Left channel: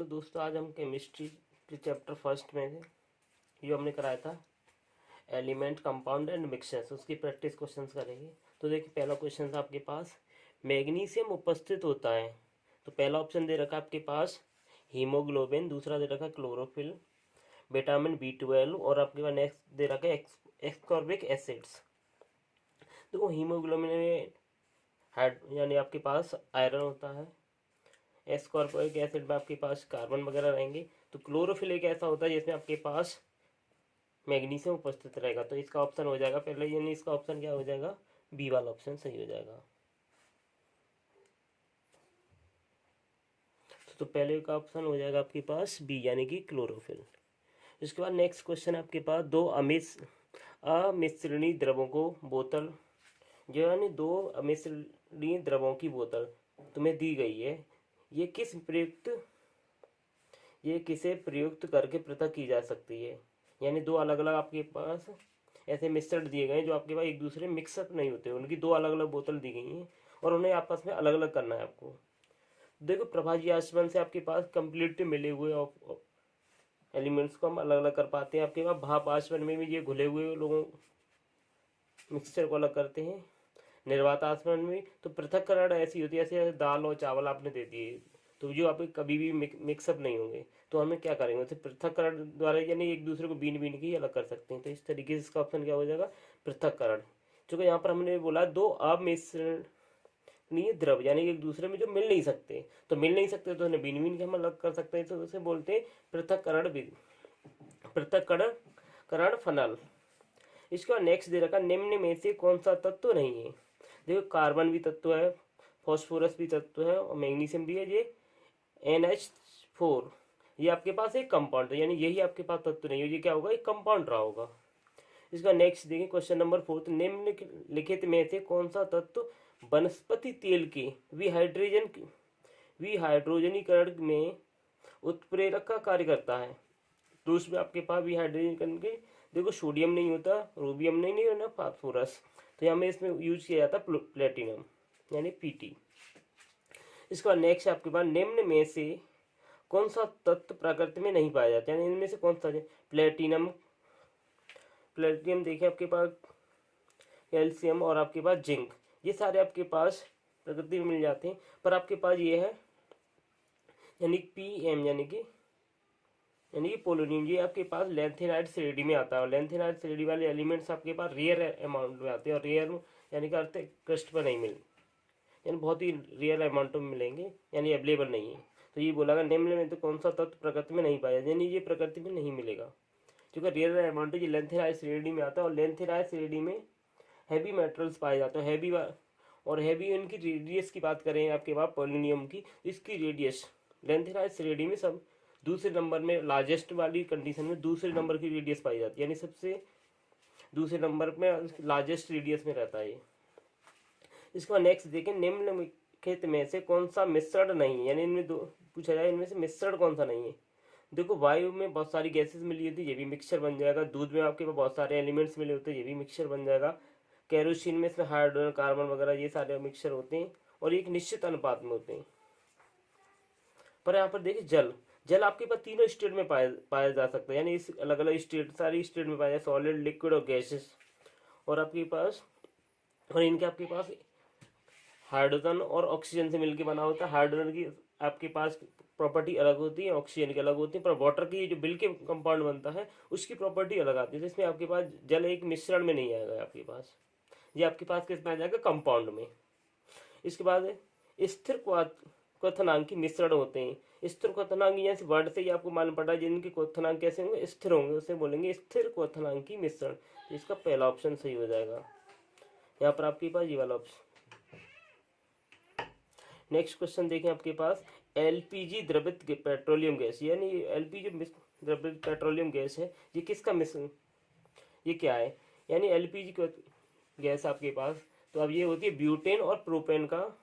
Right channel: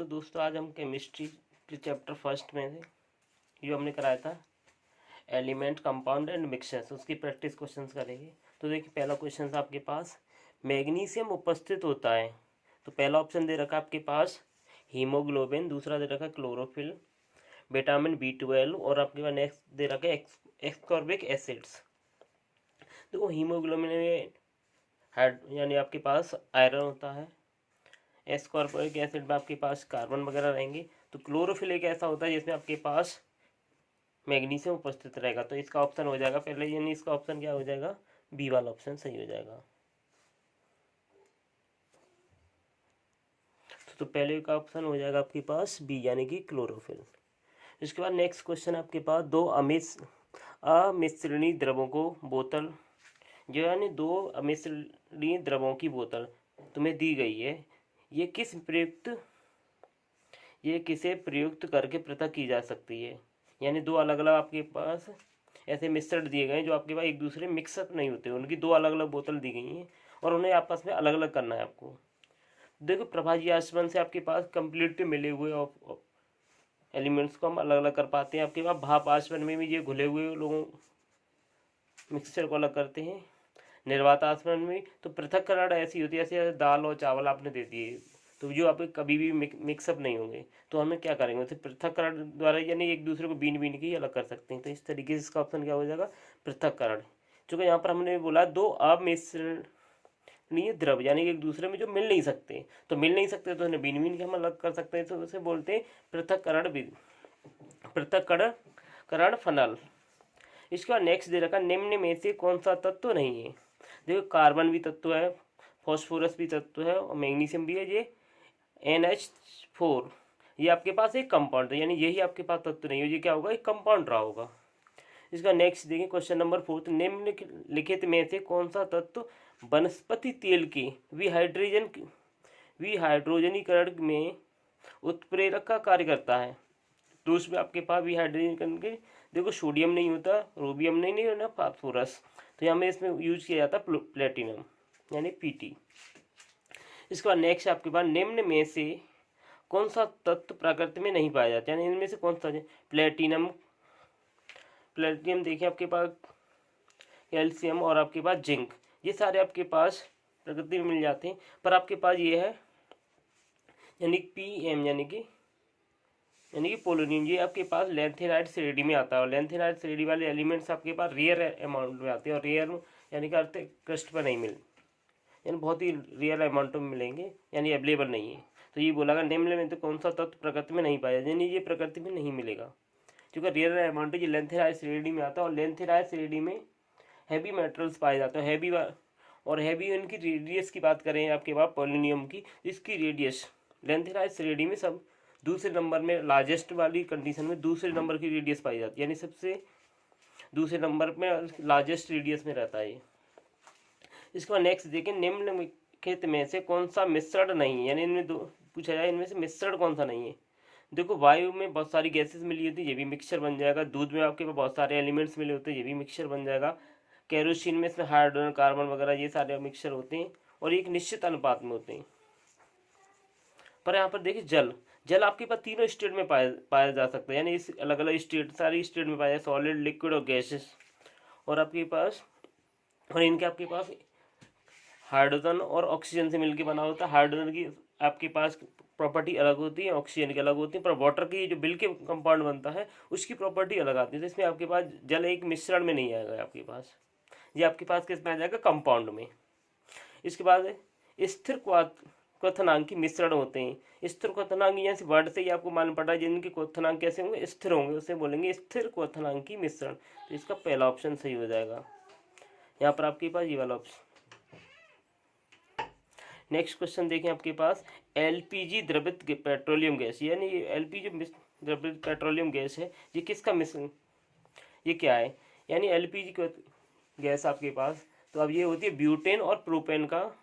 Hello दोस्तों, आज हम केमिस्ट्री के चैप्टर फर्स्ट में जो हमने कराया था एलिमेंट कंपाउंड एंड मिक्सचर्स, उसकी प्रैक्टिस क्वेश्चंस करेंगे। तो देखिए, पहला क्वेश्चन आपके पास मैग्नीशियम उपस्थित होता है। तो पहला ऑप्शन दे रखा है आपके पास हीमोग्लोबिन, दूसरा दे रखा है क्लोरोफिल, विटामिन B12 और आपके पास नेक्स्ट दे रखा है एस्कॉर्बिक एसिड्स। तो हीमोग्लोबिन में यानी आपके पास आयरन होता है, एस्कॉर्बिक एसिड में आपके पास कार्बन वगैरह रहेंगे। तो क्लोरोफिल एक ऐसा होता है जिसमें आपके पास मैग्नीशियम उपस्थित रहेगा। तो इसका ऑप्शन हो जाएगा पहले, यानी इसका ऑप्शन क्या हो जाएगा, बी वाला ऑप्शन सही हो जाएगा। तो पहले का ऑप्शन हो जाएगा आपके पास बी, यानी कि क्लोरोफिल। इसके बाद नेक्स्ट क्वेश्चन आपके पास दो अमिश्रणीय द्रवों को बोतल जो यानी दो अमिश्रणीय द्रवों की बोतल तुम्हें दी गई है, ये किसे प्रयुक्त करके पृथक की जा सकती है। यानी दो अलग अलग आपके पास ऐसे मिश्रण दिए गए हैं जो आपके पास एक दूसरे मिक्सअप नहीं होते, उनकी दो अलग अलग बोतल दी गई हैं और उन्हें आपस में अलग अलग करना है आपको। देखो, प्रभाजी आसमान से आपके पास कंप्लीट मिले हुए एलिमेंट्स को हम अलग अलग कर पाते हैं। आपके पास भाप आसमान में भी ये घुले हुए लोगों मिक्सचर को अलग करते हैं। निर्वात आसमान में तो पृथक्करण ऐसी होती है जैसे दाल और चावल आपने दे दिए, तो जो आप कभी भी मिक्सअप नहीं होंगे। तो हमें क्या करेंगे, उसे पृथक्करण द्वारा यानी एक दूसरे को बीन बीन के अलग कर सकते हैं। तो इस तरीके से इसका ऑप्शन क्या हो जाएगा, पृथक्करण। चूंकि यहाँ पर हमने बोला दो अमिश्रणीय द्रव यानी एक दूसरे में जो मिल नहीं सकते, तो मिल नहीं सकते तो उन्हें बीन बीन के हम अलग कर सकते हैं। तो उसे बोलते हैं पृथक्करण फनल। इसका नेक्स्ट दे रखा, निम्न में से कौन सा तत्व नहीं है। देखो, कार्बन भी तत्व है, फॉस्फोरस भी तत्व है और मैग्नीशियम भी है। ये NH4 ये आपके पास एक कंपाउंड है, यानी यही आपके पास तत्व नहीं है, ये क्या होगा, एक कंपाउंड रहा होगा। इसका नेक्स्ट देखिए क्वेश्चन नंबर 4, निम्नलिखित में से कौन सा तत्व वनस्पति तेल के विहाइड्रोजनीकरण में उत्प्रेरक का कार्य करता है। तो उसमें आपके पास विहाइड्रोजनीकरण के देखो सोडियम नहीं होता, रोबियम नहीं होना, फास्फोरस। तो यहाँ में इसमें यूज किया जाता है प्लेटिनम यानी PT। इसके बाद नेक्स्ट आपके पास निम्न में से कौन सा तत्व प्रकृति में नहीं पाया जाता है, यानी इनमें से कौन सा है। प्लेटिनम देखिए आपके पास, कैल्शियम और आपके पास जिंक, ये सारे आपके पास प्रकृति में मिल जाते हैं। पर आपके पास ये है यानी PM यानी कि पोलोनियम, ये आपके पास लैंथेनाइड श्रेणी में आता है। और लैंथेनाइड श्रेणी वाले एलिमेंट्स आपके पास रेयर अमाउंट में आते हैं, और रेयर यानी कि अर्थ क्रस्ट पर नहीं मिलते, यानी बहुत ही रेयर अमाउंट में मिलेंगे, यानी अवेलेबल नहीं है। तो ये बोला निम्न में तो कौन सा तत्व प्रकृति में नहीं पाया, यानी ये प्रकृति में नहीं मिलेगा क्योंकि रेयर अमाउंट ये लेंथेनाइड श्रेणी में आता है। और लेंथेनाइड श्रेणी में हैवी मेटल्स पाए जाते हैं, हैवी इनकी रेडियस की बात करें आपके पास पोलोनियम की, इसकी रेडियस लेंथेनाइड श्रेणी में सब दूसरे नंबर में, लार्जेस्ट वाली कंडीशन में दूसरे नंबर की रेडियस पाई जाती है, यानी सबसे दूसरे नंबर में लार्जेस्ट रेडियस में रहता है। इसके बाद नेक्स्ट देखें, निम्नलिखित में से कौन सा मिश्रण नहीं है, यानी इनमें दो पूछा जाए, इनमें से मिश्रण कौन सा नहीं है। देखो, वायु में बहुत सारी गैसेस मिली होती है, ये भी मिक्सचर बन जाएगा। दूध में आपके पास बहुत सारे एलिमेंट्स मिले होते हैं, ये भी मिक्सचर बन जाएगा। केरोसिन में इसमें हाइड्रोजन, कार्बन वगैरह ये सारे मिक्सचर होते हैं और एक निश्चित अनुपात में होते हैं। पर यहाँ पर देखिए, जल आपके पास तीनों स्टेट में पाया जा सकता है, यानी इस अलग अलग स्टेट, सारी स्टेट में पाया जाए, सॉलिड, लिक्विड और गैसेस। और आपके पास इनके आपके पास हाइड्रोजन और ऑक्सीजन से मिलकर बना होता है। हाइड्रोजन की आपके पास प्रॉपर्टी अलग होती है, ऑक्सीजन की अलग होती है, पर वाटर की जो मिल के कंपाउंड बनता है उसकी प्रॉपर्टी अलग आती है। तो इसमें आपके पास जल एक मिश्रण में नहीं आएगा आपके पास, ये आपके पास किस में आ जाएगा, कंपाउंड में। इसके बाद स्थिर क्वथनांकी मिश्रण होते हैं। स्थिर क्वथनांकी जैसे वर्ड से ही आपको मालूम पड़ा है, जिनके क्वथनांक कैसे होंगे, स्थिर होंगे, उसे बोलेंगे स्थिर क्वथनांकी मिश्रण। तो इसका पहला ऑप्शन सही हो जाएगा, यहाँ पर आपके पास ये वाला ऑप्शन। नेक्स्ट क्वेश्चन देखें आपके पास, LPG द्रवित पेट्रोलियम गैस, यानी LPG द्रवित पेट्रोलियम गैस है, ये किसका मिश्रण, ये क्या है, यानी LPG गैस आपके पास, तो अब ये होती है ब्यूटेन और प्रोपेन का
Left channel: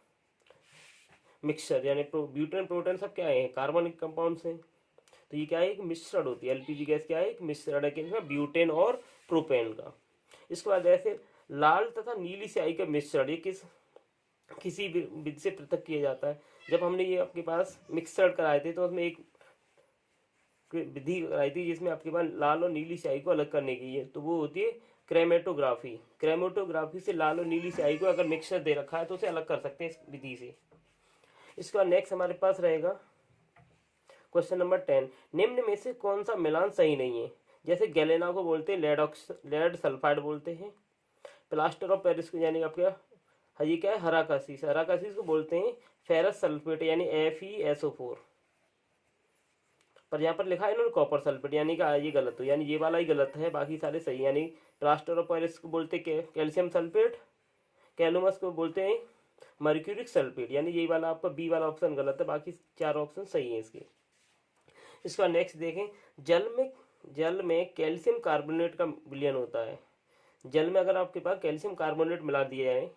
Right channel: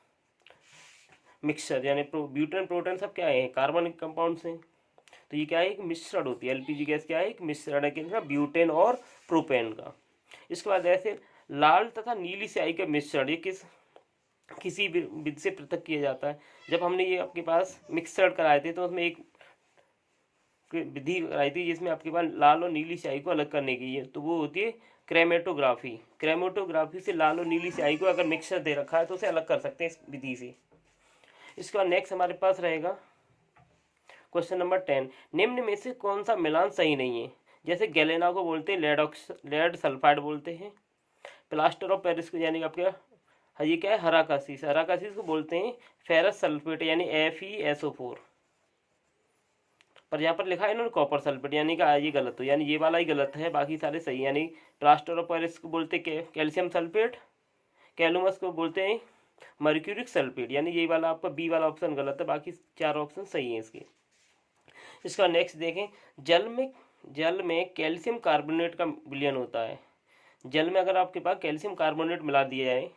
मिक्सचर, यानी ब्यूटेन प्रोटेन सब क्या है, कार्बन कंपाउंड्स हैं। तो ये क्या है, एक मिश्रण होती है। LPG गैस क्या है, एक मिश्रण है किसका, ब्यूटेन और प्रोपेन का। इसके बाद ऐसे लाल तथा नीली स्याही का मिश्रण, ये किसी विधि से पृथक किया जाता है। जब हमने ये आपके पास मिक्सचर कराए थे तो उसमें एक विधि कराई थी जिसमें आपके पास लाल और नीली स्याही को अलग करने की है, तो वो होती है क्रेमेटोग्राफी। क्रेमेटोग्राफी से लाल और नीली स्याही को अगर मिक्सचर दे रखा है तो उसे अलग कर सकते हैं इस विधि से। इसके बाद नेक्स्ट हमारे पास रहेगा क्वेश्चन नंबर 10, निम्न में से कौन सा मिलान सही नहीं है? जैसे गैलेना को बोलते हैं लेड सल्फाइड बोलते हैं, प्लास्टर ऑफ पेरिस को यानी आपके ये क्या है हराकासीस, हराकासीस को बोलते हैं फेरस सल्फेट यानी FeSO4, पर यहाँ पर लिखा है इन्होंने कॉपर सल्फेट यानी कि ये गलत हो, यानी ये वाला ही गलत है, बाकी सारे सही। यानी प्लास्टर ऑफ पेरिस को बोलते कैल्शियम सल्फेट, कैलुमस को बोलते हैं मर्क्यूरिक सल्फेट, यानी ये वाला आपका बी वाला ऑप्शन गलत है, बाकी 4 ऑप्शन सही है इसके। इसका नेक्स्ट देखें, जल में कैल्शियम कार्बोनेट का विलयन होता है। जल में अगर आपके पास कैल्शियम कार्बोनेट मिला दिया जाए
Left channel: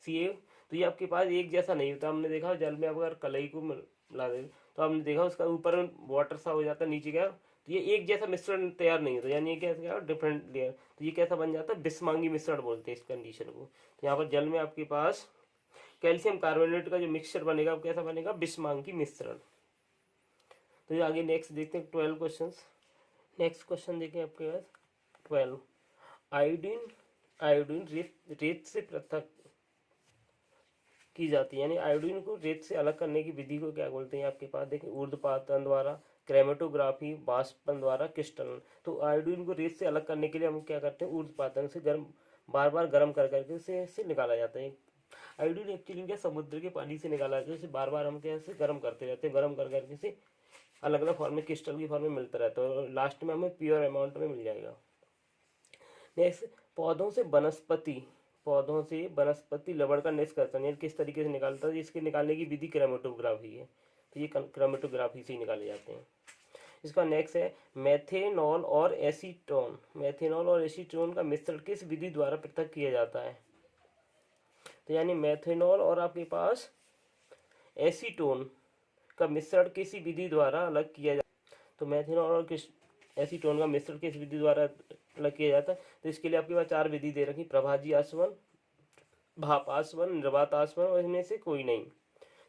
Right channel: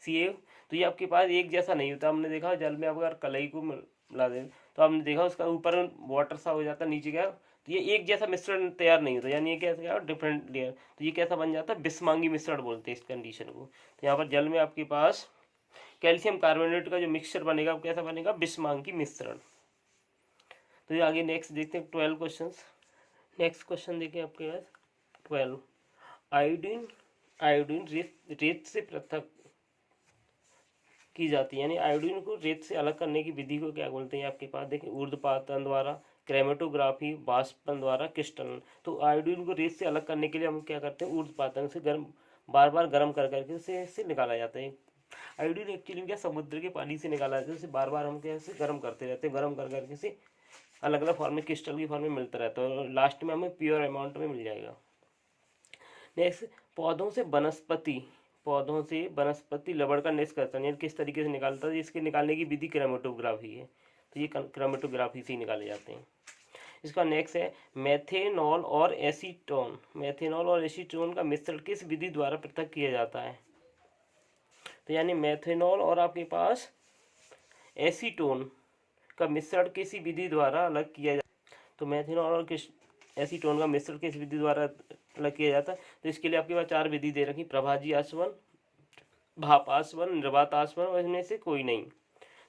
Ca, तो ये आपके पास एक जैसा नहीं होता। हमने देखा जल में अगर कलई को मिला दें तो आपने देखा उसका ऊपर वाटर सा हो जाता है, नीचे क्या तो ये एक जैसा मिश्रण तैयार नहीं होता, यानी ये कैसा डिफरेंट लेयर, तो ये कैसा बन जाता है बिस्मांगी मिश्रण बोलते हैं इस कंडीशन को। तो यहाँ पर जल में आपके पास कैल्शियम कार्बोनेट का जो मिक्सचर बनेगा वो कैसा बनेगा बिस्मांगी मिश्रण। तो ये आगे नेक्स्ट देखते हैं 12 क्वेश्चन। नेक्स्ट क्वेश्चन देखें आपके पास 12, आयोडीन रेत से पृथक की जाती है, यानी आयोडीन को रेत से अलग करने की विधि को क्या बोलते हैं? आपके पास देखें ऊर्ध्वपातन द्वारा, क्रेमेटोग्राफी, वाष्पन द्वारा, क्रिस्टलन। तो आयोडीन को रेत से अलग करने के लिए हम क्या करते हैं ऊर्ध्वपातन से बार बार गर्म कर करके इसे निकाला जाता है। आयोडीन एक्चुअली क्या समुद्र के पानी से निकाला जाता है, उसे बार बार हम कैसे गर्म करते रहते हैं, गर्म कर करके से अलग अलग फॉर्म में क्रिस्टल की फॉर्म में मिलता रहता है और लास्ट में हमें प्योर अमाउंट में मिल जाएगा। नेक्स्ट, पौधों से वनस्पति लवण का निष्कर्षण यानी किस तरीके से निकालता है, इसके निकालने की विधि क्रोमेटोग्राफी है, तो ये क्रोमेटोग्राफी से ही निकाले जाते हैं। इसका नेक्स्ट है मेथेनॉल और एसीटोन का मिश्रण किस विधि द्वारा पृथक किया जाता है? तो यानी मेथेनॉल और आपके पास एसीटोन का मिश्रण किसी विधि द्वारा अलग किया जाता है। तो मेथेनॉल और एसीटोन का मिश्रण किस विधि द्वारा अलग किया जाता है? तो इसके लिए आपके पास 4 विधि दे रखी, प्रभाजी आसवन, भाप आसवन, निर्वात आसवन और इनमें से कोई नहीं।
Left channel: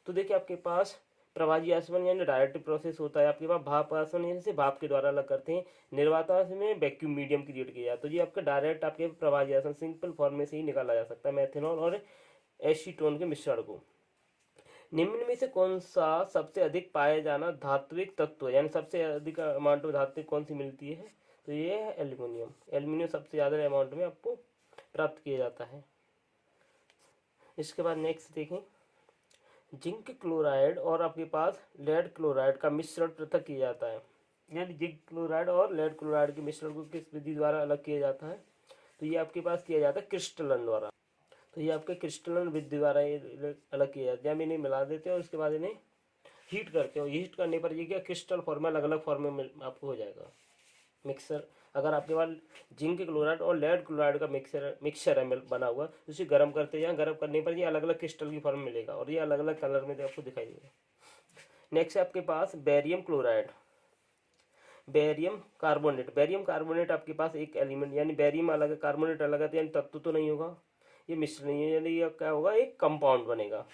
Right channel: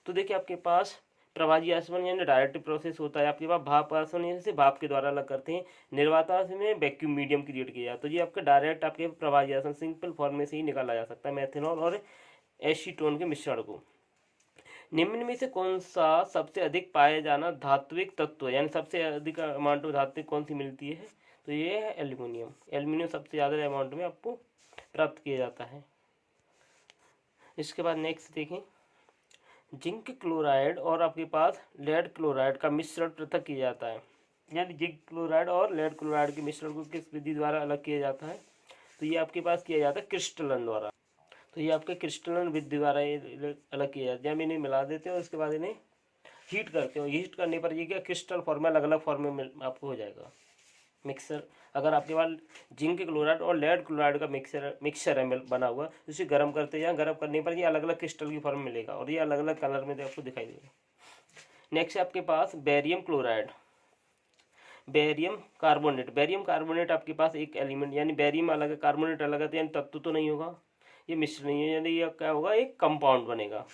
तो देखिए आपके पास प्रभाजी आसवन यानी डायरेक्ट प्रोसेस होता है, आपके पास भाप आसवन यानी से भाप के द्वारा अलग करते हैं, निर्वात आसवन में वैक्यूम मीडियम क्रिएट किया जाता है। तो ये आपका डायरेक्ट आपके प्रभाजी आसवन सिंपल फॉर्म में से ही निकाला जा सकता है मेथेनॉल और एसीटोन के मिश्रण को। निम्न में से कौन सा सबसे अधिक पाया जाना धात्विक तत्व यानी सबसे अधिक अमाउंट में धात्विक कौन सी मिलती है? तो ये है एल्यूमिनियम सबसे ज़्यादा अमाउंट में आपको प्राप्त किया जाता है। इसके बाद नेक्स्ट देखें, जिंक क्लोराइड और आपके पास लेड क्लोराइड का मिश्रण पृथक किया जाता है, यानी जिंक क्लोराइड और लेड क्लोराइड के मिश्रण को किस विधि द्वारा अलग किया जाता है? तो ये आपके पास किया जाता है क्रिस्टलन द्वारा। तो ये आपके क्रिस्टलन विधि द्वारा ये अलग किया जाता है, जब इन्हें मिला देते हैं और उसके बाद इन्हें हीट करते हो, हीट करने पर ये क्या क्रिस्टल फॉर्म में अलग अलग फॉर्म में आपको हो जाएगा मिक्सर। अगर आपके पास जिंक क्लोराइड और लेड क्लोराइड का मिक्सर है बना हुआ, उसे गर्म करते हैं, गर्म करने पर ये अलग अलग क्रिस्टल की फॉर्म मिलेगा और ये अलग अलग कलर में आपको दिखाई देगा। नेक्स्ट आपके पास बेरियम क्लोराइड, बेरियम कार्बोनेट आपके पास एक एलिमेंट यानी बेरियम अलग है कार्बोनेट अलग है, यानी तत्व तो नहीं होगा, ये मिश्र नहीं है, यानी ये क्या होगा एक कंपाउंड बनेगा।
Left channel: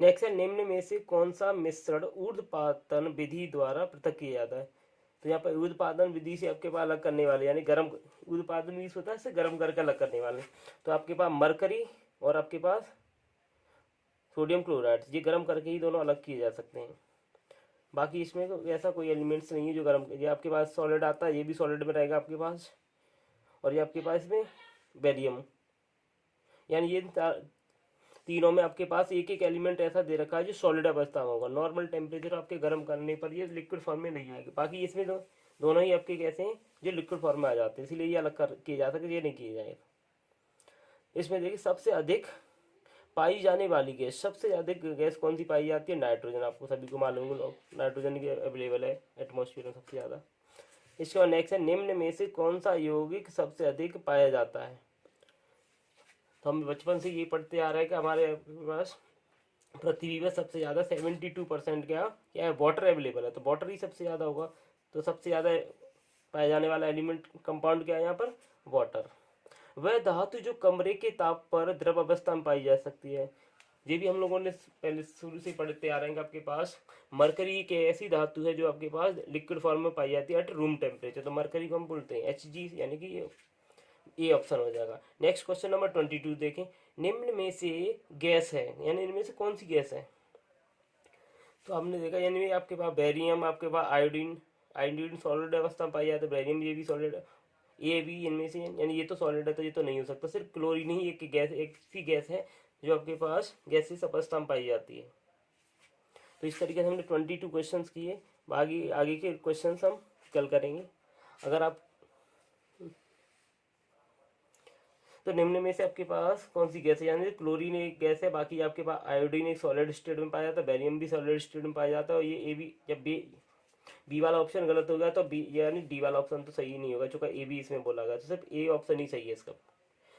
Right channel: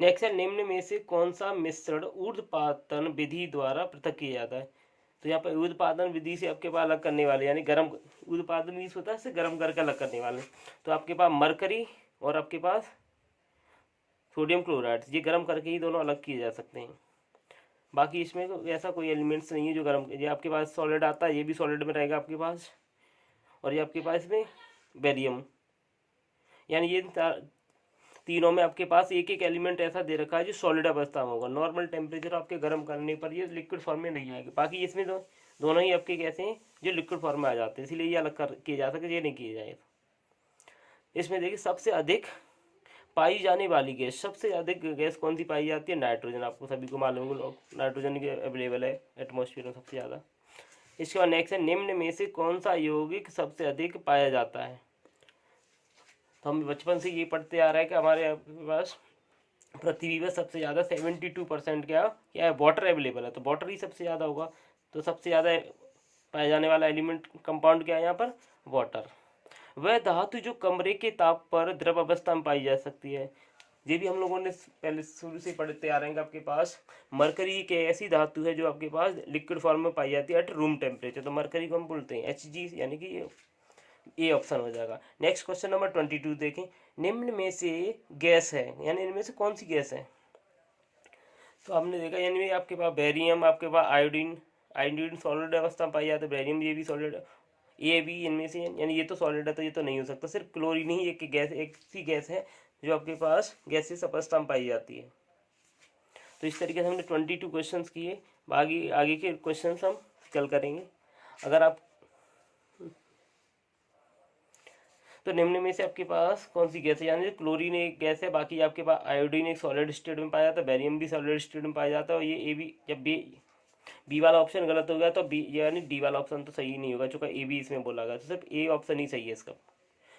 नेक्स्ट है निम्न में से कौन सा मिश्रण ऊर्ध्वपातन विधि द्वारा पृथक किया जाता है? तो यहाँ पर ऊर्ध्वपातन विधि से आपके पास अलग करने वाले यानी गर्म, ऊर्ध्वपातन मीन्स होता है इसे गर्म करके अलग करने वाले। तो आपके पास मरकरी और आपके पास सोडियम क्लोराइड, ये गर्म करके ही दोनों अलग किए जा सकते हैं। बाकी इसमें तो ऐसा कोई एलिमेंट्स नहीं है जो गर्म, ये आपके पास सॉलिड आता है, ये भी सॉलिड में रहेगा आपके पास, और ये आपके पास में बेरियम, यानी ये तीनों में आपके पास एक एक एलिमेंट ऐसा दे रखा है जो सॉलिड अवस्था में होगा, नॉर्मल टेम्परेचर आपके गर्म करने पर ये लिक्विड फॉर्म में नहीं आएगी। बाकी इसमें तो दोनों ही आपके कैसे हैं जो लिक्विड फॉर्म में आ जाते हैं, इसीलिए ये अलग कर किए जा सकते, ये नहीं किए जाए। इसमें देखिए सबसे अधिक पाई जाने वाली गैस, सबसे अधिक गैस कौन सी पाई जाती है? नाइट्रोजन, आपको सभी को मालूम है नाइट्रोजन के अवेलेबल है एटमॉस्फेयर में सबसे ज़्यादा। इसके बाद नेक्स्ट है निम्न में से कौन सा यौगिक सबसे अधिक पाया जाता है? तो हम बचपन से ये पढ़ते आ रहे हैं कि हमारे पास पृथ्वी में सबसे ज़्यादा 72% क्या है वाटर अवेलेबल है, तो वाटर ही सबसे ज़्यादा होगा। तो सबसे ज़्यादा पाया जाने वाला एलिमेंट कंपाउंड क्या है यहाँ पर? वाटर। वह धातु जो कमरे के ताप पर द्रव अवस्था में पाई जा सकती है, ये भी हम लोगों ने पहले शुरू से पढ़ते आ रहे हैं। आपके पास मरकरी एक ऐसी धातु है जो आपके पास लिक्विड फॉर्म में पाई जाती है एट रूम टेम्परेचर, तो मरकरी को हम बोलते हैं Hg, यानी कि ये ऑप्शन हो जाएगा। नेक्स्ट क्वेश्चन नंबर 22 देखें, निम्न में से गैस है, यानी इनमें से कौन सी गैस है? तो हमने देखा यानी आपके पास बेरियम, आपके पास आयोडीन, आयोडीन सॉलिड अवस्था में पाई जाती है, बेरियम ये भी सॉलिड, ये भी इनमें से, यानी ये तो सॉलिड है तो ये तो नहीं हो सकता। सिर्फ क्लोरीन ही एक गैस, एक सी गैस है जो आपके पास गैसेस अवस्था में पाई जाती है। तो इस तरीके से हमने 22 क्वेश्चन किए। आगे आगे के क्वेश्चन हम कल करेंगे। अगर आप तो निम्न में से आपके पास कौन सी गैस है, यानी क्लोरीन एक गैस है, बाकी आपके पास आयोडीन एक सॉलिड स्टेट में पाया जाता है, बेरियम भी सॉलिड स्टेट में पाया जाता है, और ये ए बी, जब बी वाला ऑप्शन गलत हो गया तो बी यानी डी वाला ऑप्शन तो सही नहीं होगा, चूंकि ए बी इसमें बोला गया, तो सिर्फ ए ऑप्शन ही सही है इसका।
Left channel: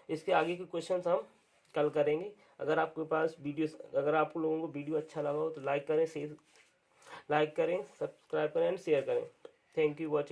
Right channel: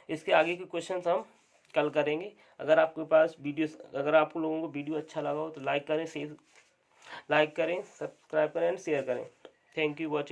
इसके आगे के क्वेश्चन हम कल करेंगे। अगर आपके पास वीडियो, अगर आप लोगों को वीडियो अच्छा लगा हो तो लाइक करें, सब्सक्राइब करें एंड शेयर करें। Thank you watching.